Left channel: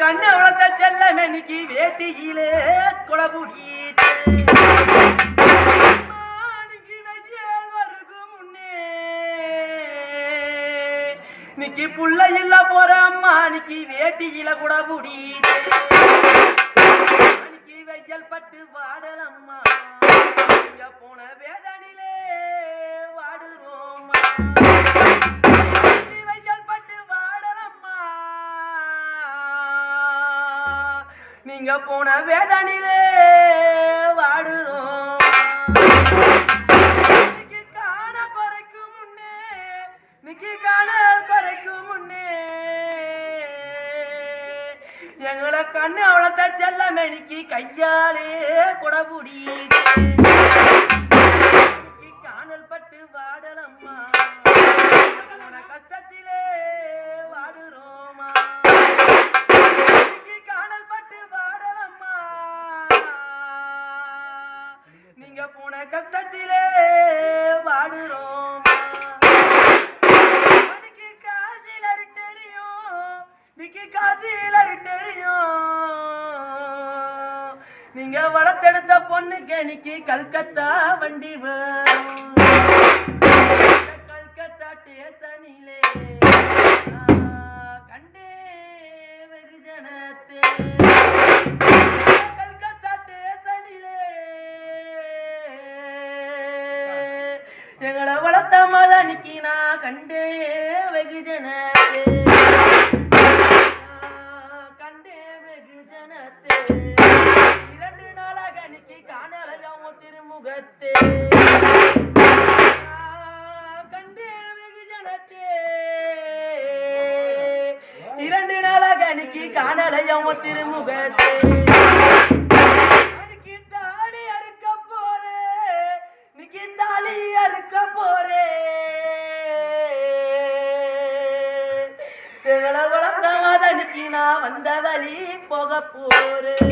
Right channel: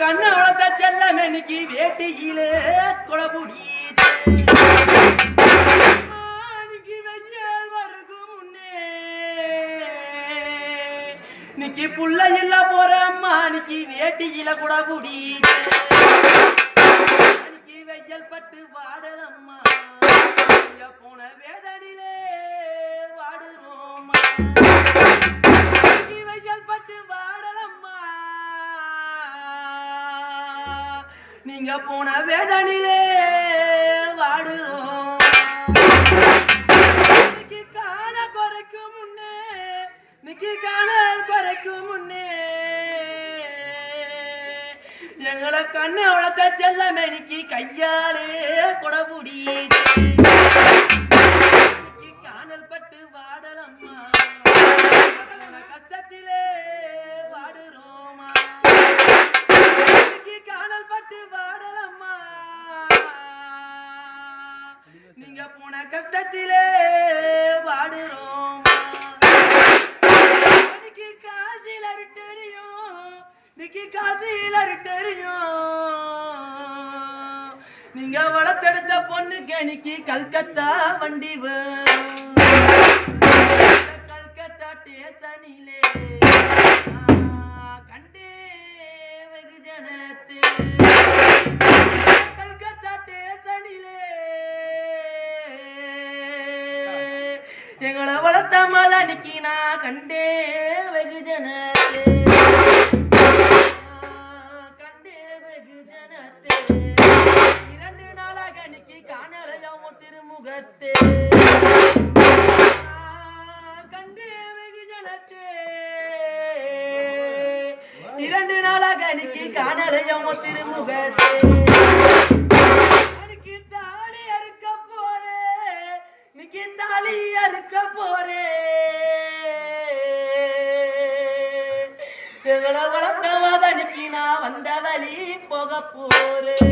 கண்ணு வளர்த்த செல்லமணிக்கு வேட்டியிலே குளபுடி நிக்கி புள்ள இல்ல போற அம்மா நிக்கி வேட்டியில குடபுடி நிக்கி வெய்யல் பட்டு வாடலம்மா போன வேதனிலே வாடுறோம்மா வெய்யல் பட்டு வாடலம்மா நீங்க போன வேதனிலே வாடுறோம் காண குறைக்கும் முன்னே நிக்கி காணல் குறைக்கும் முன்னே எங்களை கண்ணு வளர்த்த செல்லமணிக்கு கையாலே குடபுடி காணல் பட்டு வாடலம்மா கஷ்டத்திலே வாடுறோமா காணல் பட்டு வாடலம்மா நீங்க போன கஷ்டத்திலே வாடுறோமா நீங்க வளர்த்தெடுத்த பொண்ணுக்கு இன்னைக்கு கல்கத்தா வண்டி வரும் கல்கத்தா ஸ்டேஷனிலே கண்டே வெகுஜனத்தே கல்கத்தா ஸ்டேஷனிலே எங்களை வளர்த்த மலனிக்கு நான் கண்டே வெகுஜனத்தே திருமுகத்தே கண்டே வெகுஜனத்தே இரண்டு நாளாக அன்னைக்கு காணலையும் திருமுகத்தே அன்னைக்கு தாலி அறுக்க போறே இன்னைக்கு தாலி அறுக்க போறே எங்களை வளர்த்த மதனுக்கு நான் வந்த வழி போக போறேன்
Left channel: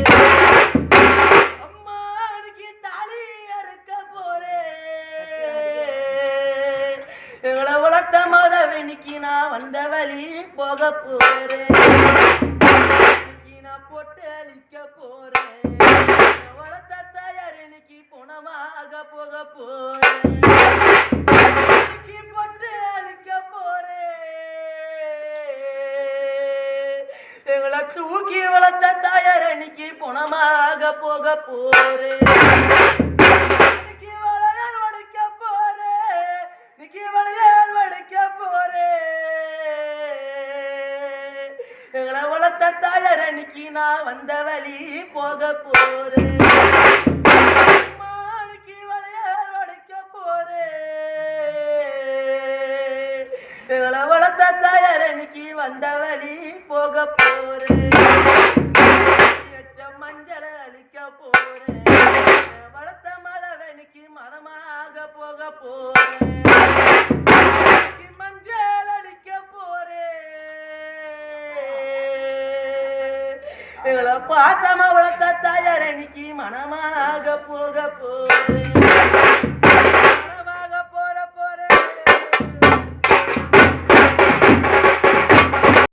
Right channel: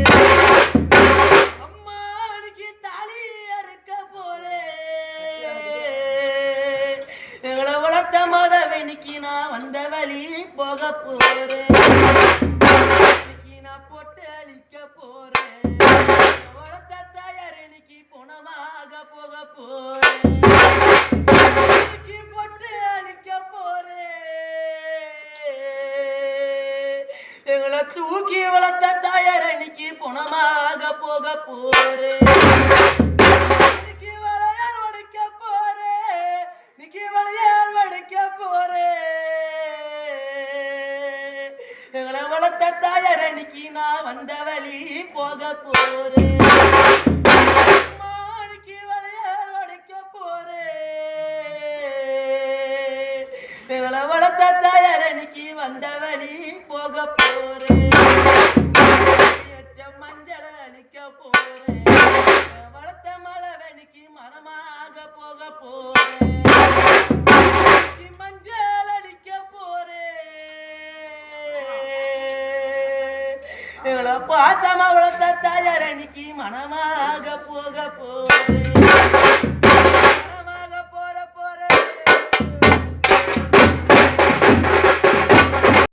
மதவெனிக்கு நான் வந்த வழி போக போறேன் நான் போட்டு அழிக்க போறேன் வளர்த்த தயார் இன்னைக்கு புனமாக போக போறேன் போட்டு அழிக்க போறேன் எங்களை தூக்கி வளர்த்த தயார் இன்னைக்கு புனமாக போக போறேன் தாயார் அன்னைக்கு நான் வந்த வழி போக போறேன் வளையல் வடிக்க போறேன் எங்களை வளர்த்த தாயார் அன்னைக்கு வந்த வழி போக போறேன் மஞ்சள் அழிக்க போறேன் வளர்த்த மலவனுக்கு மனமாக போக போறேன் மஞ்சள் அழிக்க போறேன் எங்களை பாசமா வளர்த்த தாயார் அன்னைக்கு மனமாக போக போறேன்